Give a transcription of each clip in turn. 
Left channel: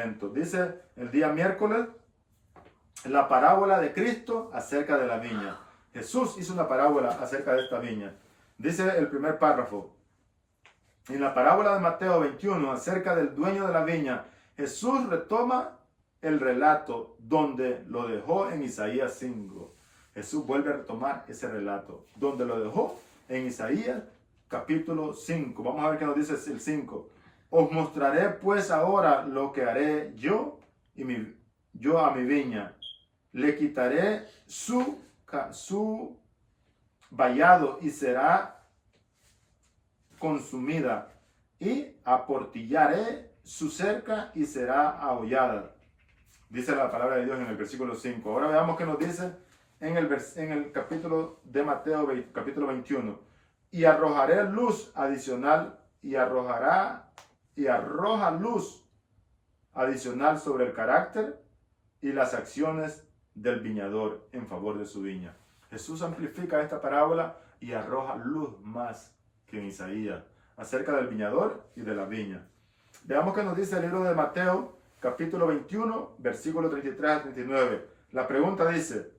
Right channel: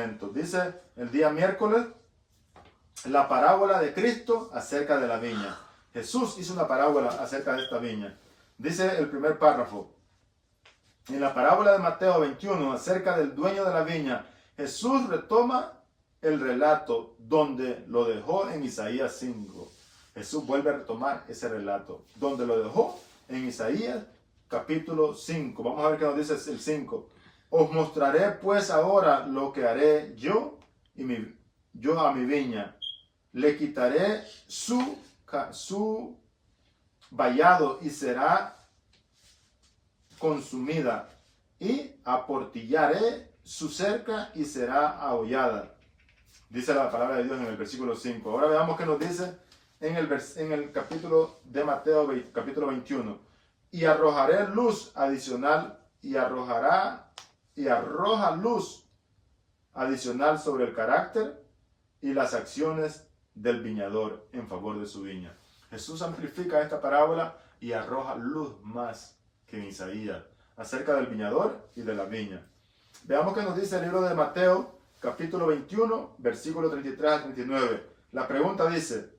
Testamento. Dice el día miércoles, la parábola de Cristo acerca de la viña. Jesús hizo una parábola acerca de esta viña. Dice el primer párrafo. En la parábola de Mateo 21, acerca del dueño de la viña, Jesús retoma el relato donde lo dejó en Isaías 5. Jesús vuelve a retomar ese relato, donde lo dejó en Isaías capítulo 5. Vamos a ver qué nos dice el 5. Os mostraré pues ahora lo que haré yo a mi viña. Le quitaré su vallado y será consumida, y aportillaré su cerca y será ahollada. Dice la palabra de Dios en el versículo 5. Ahora veamos qué nos dice en el capítulo de Mateo, capítulo 21. Y arrojaré luz adicional y arroja luz adicional sobre el carácter y las acciones del viñador en favor de su viña. Jesús amplifica esta parábola y arroja luz más que en Isaías acerca del viñador y de la viña. Veamos qué nos dice el libro de Mateo, capítulo 21, versículo 33 a 39. La pregunta dice,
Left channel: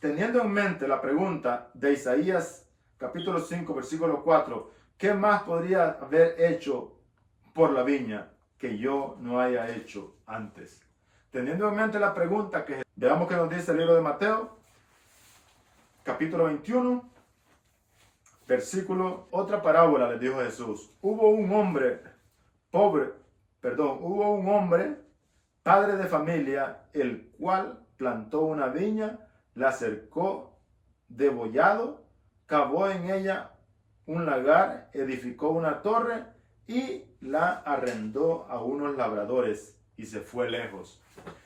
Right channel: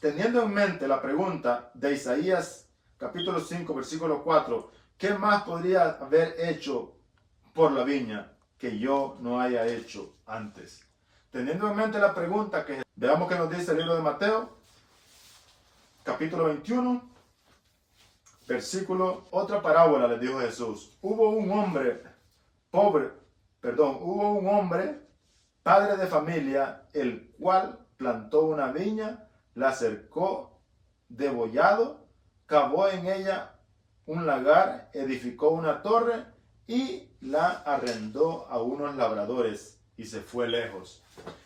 teniendo en mente la pregunta de Isaías, capítulo 5, versículo 4, ¿qué más podría haber hecho por la viña que yo no haya hecho antes? Teniendo en mente la pregunta que... Veamos qué nos dice el libro de Mateo, capítulo 21, versículo... Otra parábola le dijo Jesús. Hubo un hombre, padre de familia, el cual plantó una viña, la cercó de bollado, cavó en ella un lagar, edificó una torre y la arrendó a unos labradores y se fue lejos.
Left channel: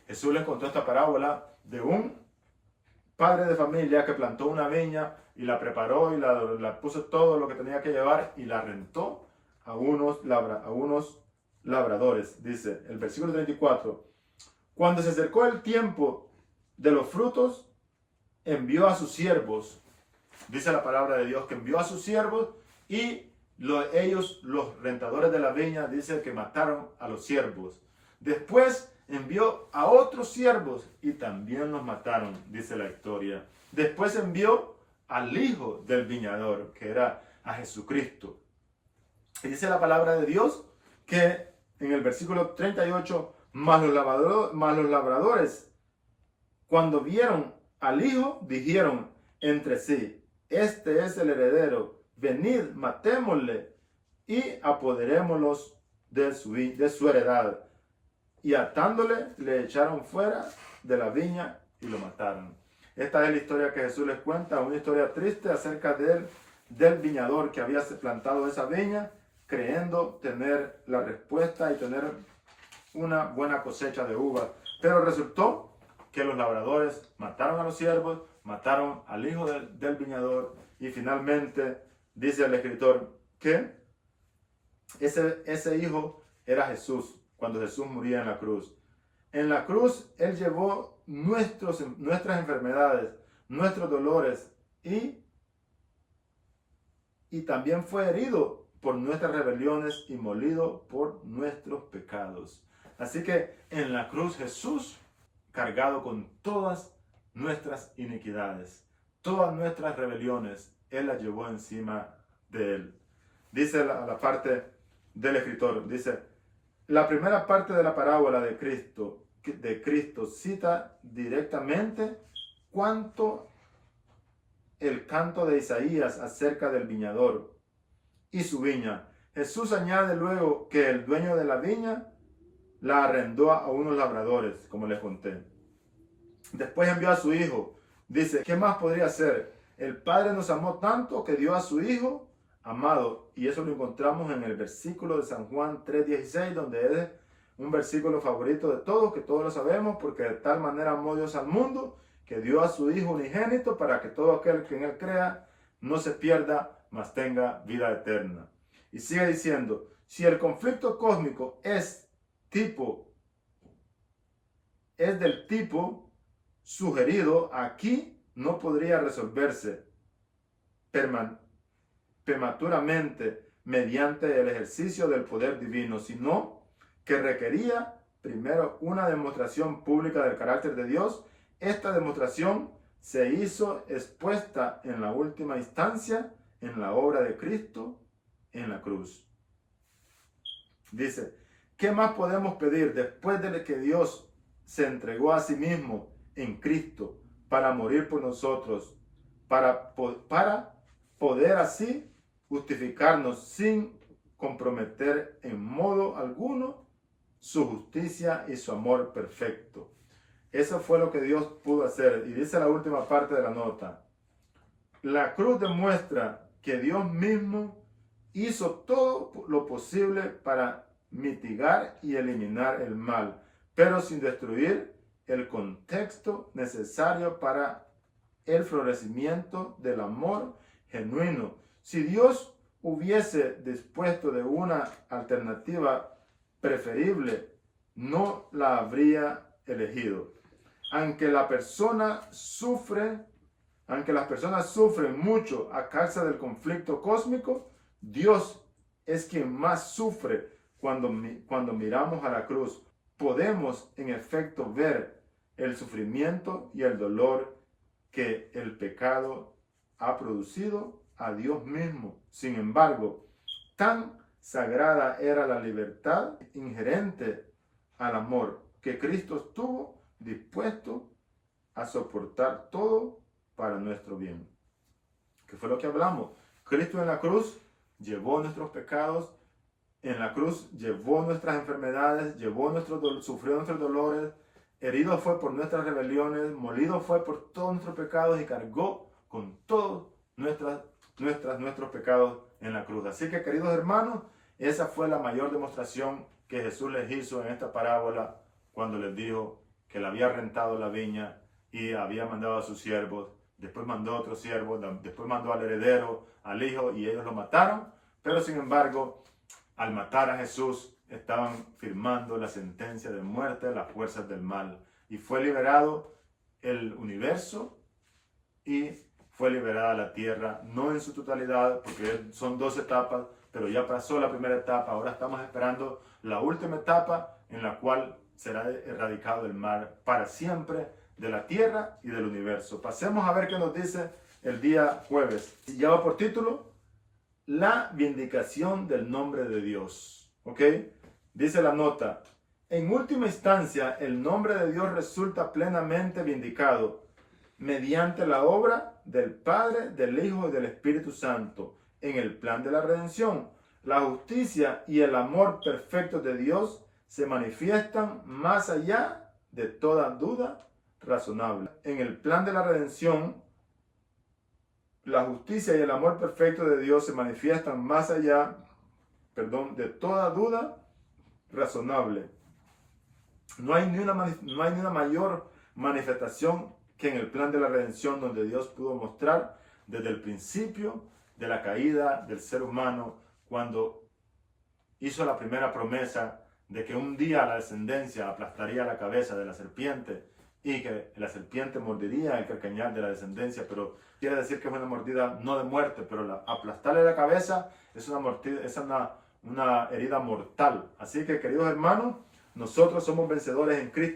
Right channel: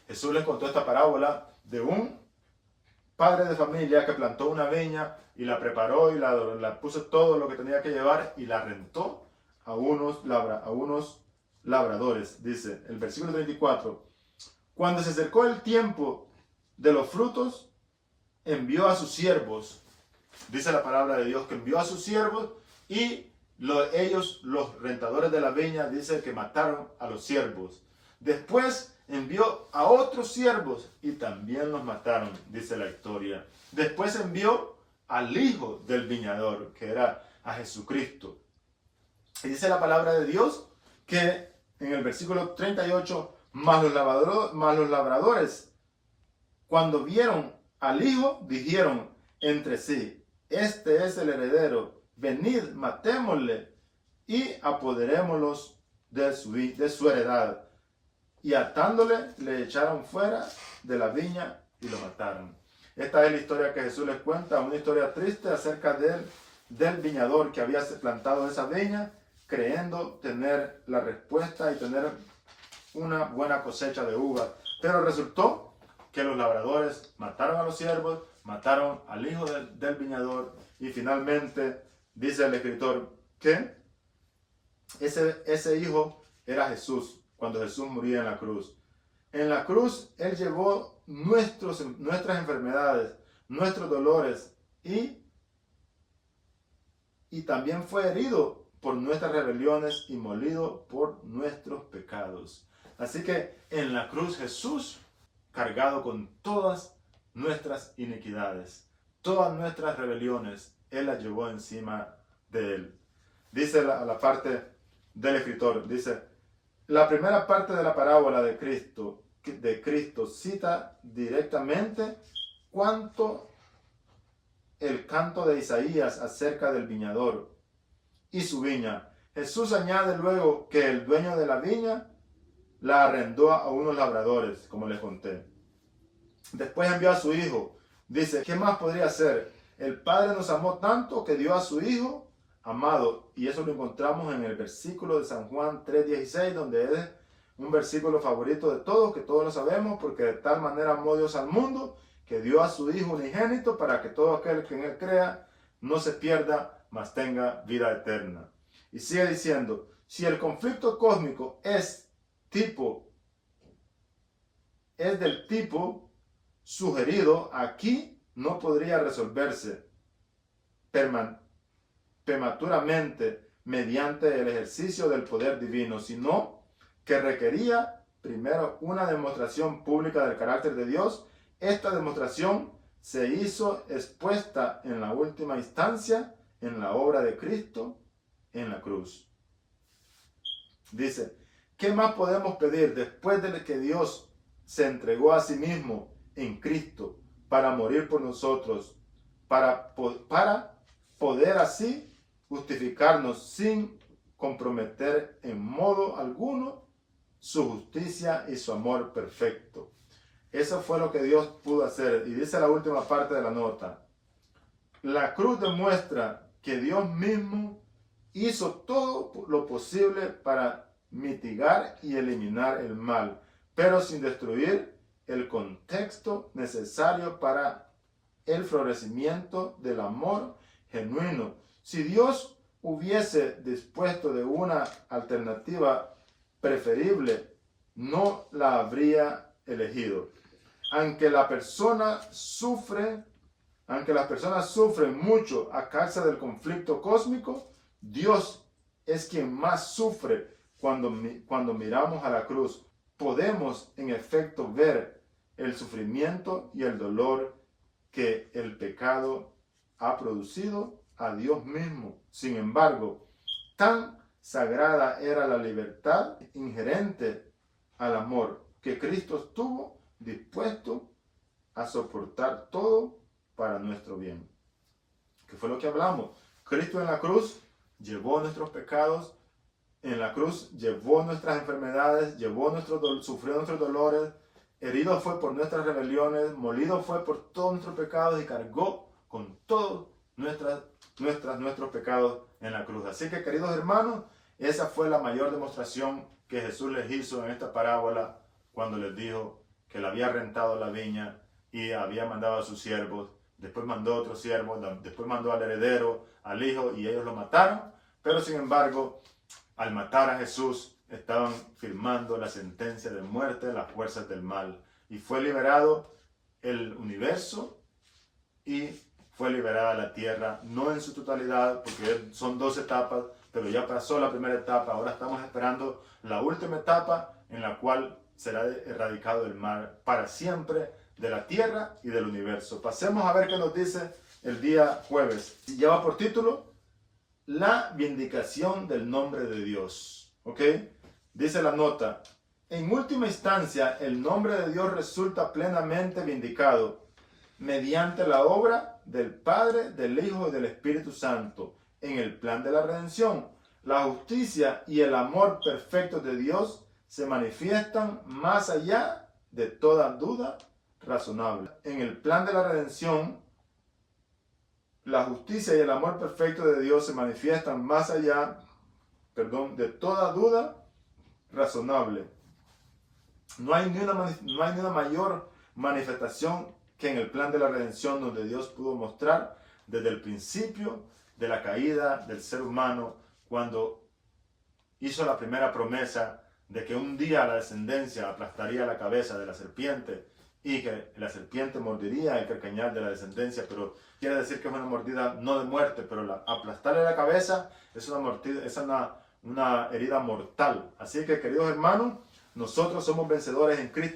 Jesús les contó esta parábola de un padre de familia que plantó una viña y la preparó y la puso todo lo que tenía que llevar y la rentó a unos labradores. Dice el versículo 34. Cuando se acercó el tiempo de los frutos, envió a sus siervos. Dice la palabra de Dios que envió a sus siervos y ellos, los rentadores de la viña, dice que mataron a los siervos. Después envió a otros siervos y también los mataron, dice la historia. Después envió al hijo del viñador, que era a Jesucristo. Y dice la palabra de Dios que en el versículo 38, mas los labradores, cuando vieron al hijo, dijeron entre sí, este es el heredero, venid, matémosle y apoderémoslos de su heredad. Y atándole, le echaron fuera de la viña y lo mataron. Esta es la historia que Jesús les cuenta, una historia triste acerca del viñador que había plantado esa viña, creyendo tener la respuesta y tener una buena cosecha de uvas. Pero resultó que los labradores mataron a los siervos, mataron al hijo del viñador y finalmente dice el escritor que ese hijo era Jesús cuando Jesús moría en la cruz. En la cruz Él llevó nuestras enfermedades, nuestros dolores y también fue herido por nuestras rebeliones y molido por nuestros pecados. Así que en la cruz Jesús, cargado con todas nuestras iniquidades, todas nuestras rebeliones, Él las llevó encima de Él. Dice la parte del escritor, dice, la primera parte de la parábola de Cristo cita directamente cuanto el canto de Isaías acerca del viñador y su viña. Jesús añade luego que el dueño de la viña la arrendó a unos labradores, como les conté. Después envió a su hijo. Dice, ¿qué más podría hacer? El Padre nos amó tanto que dio a su hijo amado. Y eso lo encontramos en el versículo de San Juan 3:16, donde es un versículo favorito de todos, que todos lo sabemos, porque de tal manera amó Dios al mundo, que dio a su Hijo unigénito para que todo aquel que en Él crea no se pierda, mas tenga vida eterna. Y sigue diciendo, si el conflicto cósmico es del tipo sugerido, aquí no podría resolverse prematuramente mediante el ejercicio del poder divino, sino que requería primero una demostración pública del carácter de Dios. Esta demostración se hizo expuesta en la última instancia en la obra de Cristo en la cruz. Dice, ¿qué más podemos pedir después de que Dios se entregó a sí mismo en Cristo para morir por nosotros, para poder así justificarnos sin comprometer en modo alguno su justicia y su amor perfecto? Eso fue lo que Dios pudo hacer. Y dice la última parte de la nota: la cruz demuestra que Dios mismo hizo todo lo posible para mitigar y eliminar el mal, pero sin destruir el contexto necesario para el florecimiento del amor genuino. Si Dios hubiese dispuesto de una alternativa preferible, no la habría elegido. Aunque las personas sufren mucho a causa del conflicto cósmico, Dios es quien más sufre cuando miramos a la cruz. Podemos en efecto ver el sufrimiento y el dolor que el pecado ha producido a Dios mismo. Sin embargo, tan sagrada era la libertad inherente al amor que Cristo estuvo dispuesto a soportar todo para nuestro bien. ¿Qué fue lo que hablamos? Cristo en la cruz llevó nuestros pecados, en la cruz llevó nuestras enfermedades, sufrió nuestros dolores, herido fue por nuestras rebeliones, molido fue por todos nuestros pecados y cargó con todos nuestros pecados en la cruz. Así que, queridos hermanos, esa fue la mayor demostración que Jesús les hizo en esta parábola cuando les dijo que le había rentado la viña y había mandado a sus siervos, después mandó a otros siervos, después mandó al heredero, al hijo, y ellos lo mataron. Pero sin embargo, al matar a Jesús, estaban firmando la sentencia de muerte de las fuerzas del mal. Y fue liberado el universo y fue liberada la tierra, no en su totalidad, porque son 2 etapas, pero ya pasó la primera etapa. Ahora estamos esperando la última etapa en la cual será erradicado el mal para siempre de la tierra y del universo. Pasemos a ver qué nos dice el día jueves. Y lleva por título la vindicación del nombre de Dios. ¿Ok? Dice la nota: en última instancia, el nombre de Dios resulta plenamente vindicado mediante la obra del Padre, del Hijo y del Espíritu Santo en el plan de la redención. La justicia y el amor perfecto de Dios se manifiestan más allá de toda duda razonable. En el plan de la redención, la justicia y el amor perfecto de Dios se manifiestan más allá, de toda duda razonable. No hay ni una mayor manifestación que en el plan de la redención, donde Dios pudo mostrar desde el principio de la caída del ser humano, cuando hizo la primera promesa de que un día la descendencia aplastaría la cabeza de la serpiente y que la serpiente mordería el calcañar de la descendencia, pero quiere decir que es una mordida no de muerte, pero aplastarle la cabeza es una herida mortal. Así que, queridos hermanos, nosotros somos vencedores en Cristo.